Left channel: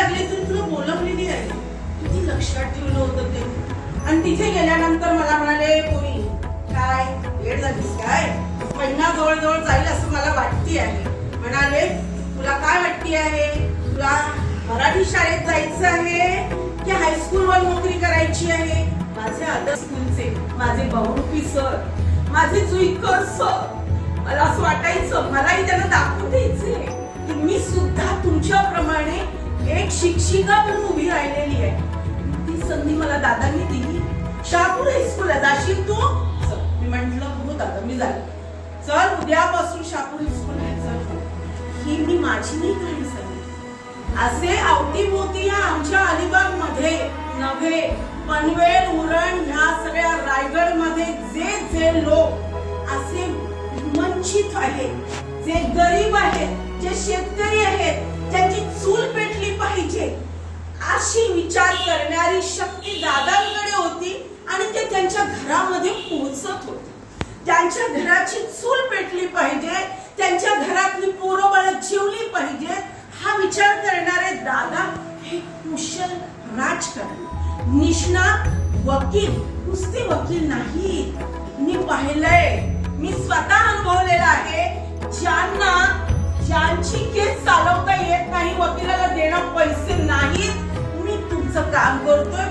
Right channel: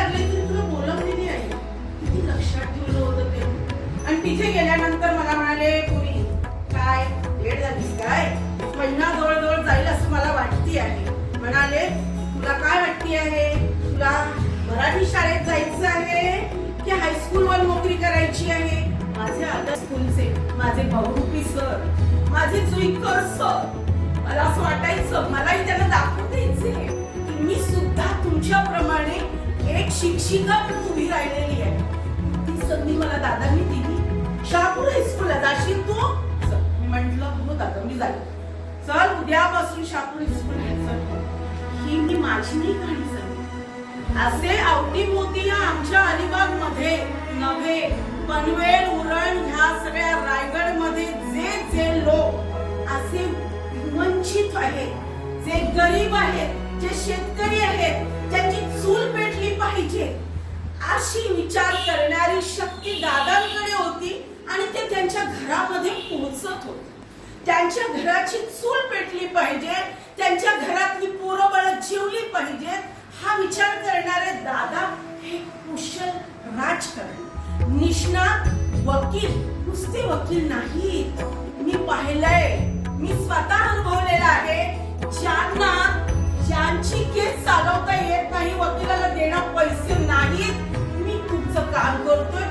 लागली तरी तुला बोलवलेली आहे. किती लक्षात ठेवलं होतं ते. आणि तिथे गेल्यानंतर मला म्हणाले कोणी काय लेट झालीस काय, महिना जवळ जाईल असं मला वाटते आहे. म्हणाले तुला काय वाटते आहे, तुला मराठी शाळेत जायचं आहे की हायस्कूलवर नोकरी करायची आहे. माझे आता स्कूलचे माझे बहुरूपी सर, माझे जुईकर सर, मला असं वाटायचं मलाही त्यांना दाखवून द्यायचे की मी सुद्धा तुमच्याप्रमाणे एक शिक्षिका म्हणून उभी राहिलेली आहे. ती संधी मला दादांनी दिली. शहापूर हायस्कूलला जाशील तू? मी म्हंटल हो दादा मी जाईल. चल उद्यापासून शहापूर हायस्कूल ही मी माझी नाही कहाणी सांगते. असे अवतीभोवती या आमच्या अलिबाग मध्ये नव्हे, पनवेल उरण ह्या सगळ्या रायगड मध्ये जे जे लोक असे वंचित आहेत, जे गरीब आहेत, जे शेतकरी आहेत, ज्यांची चूल पेटली पाहिजे अशी विचार करणारी शक्ती दादांकडे होती. आणि ते त्यांच्या घरामध्ये पोहोचत होते. त्यांच्या घराची चूल पेटली पाहिजे, त्यांच्या घरातली पोरं बाळ जेवली पाहिजे हा विचार करणारे दादा हे कुशल राजकारणी, निष्णात वकील, नुसते वकील नाहीत. मी पाहिलंय, मी स्वतः अनुभवलेलं आहे. ज्यांची केस चालवता येत नाही, वकिलाला देणं पैसे नाहीत, मी तुमचं काम करतोय.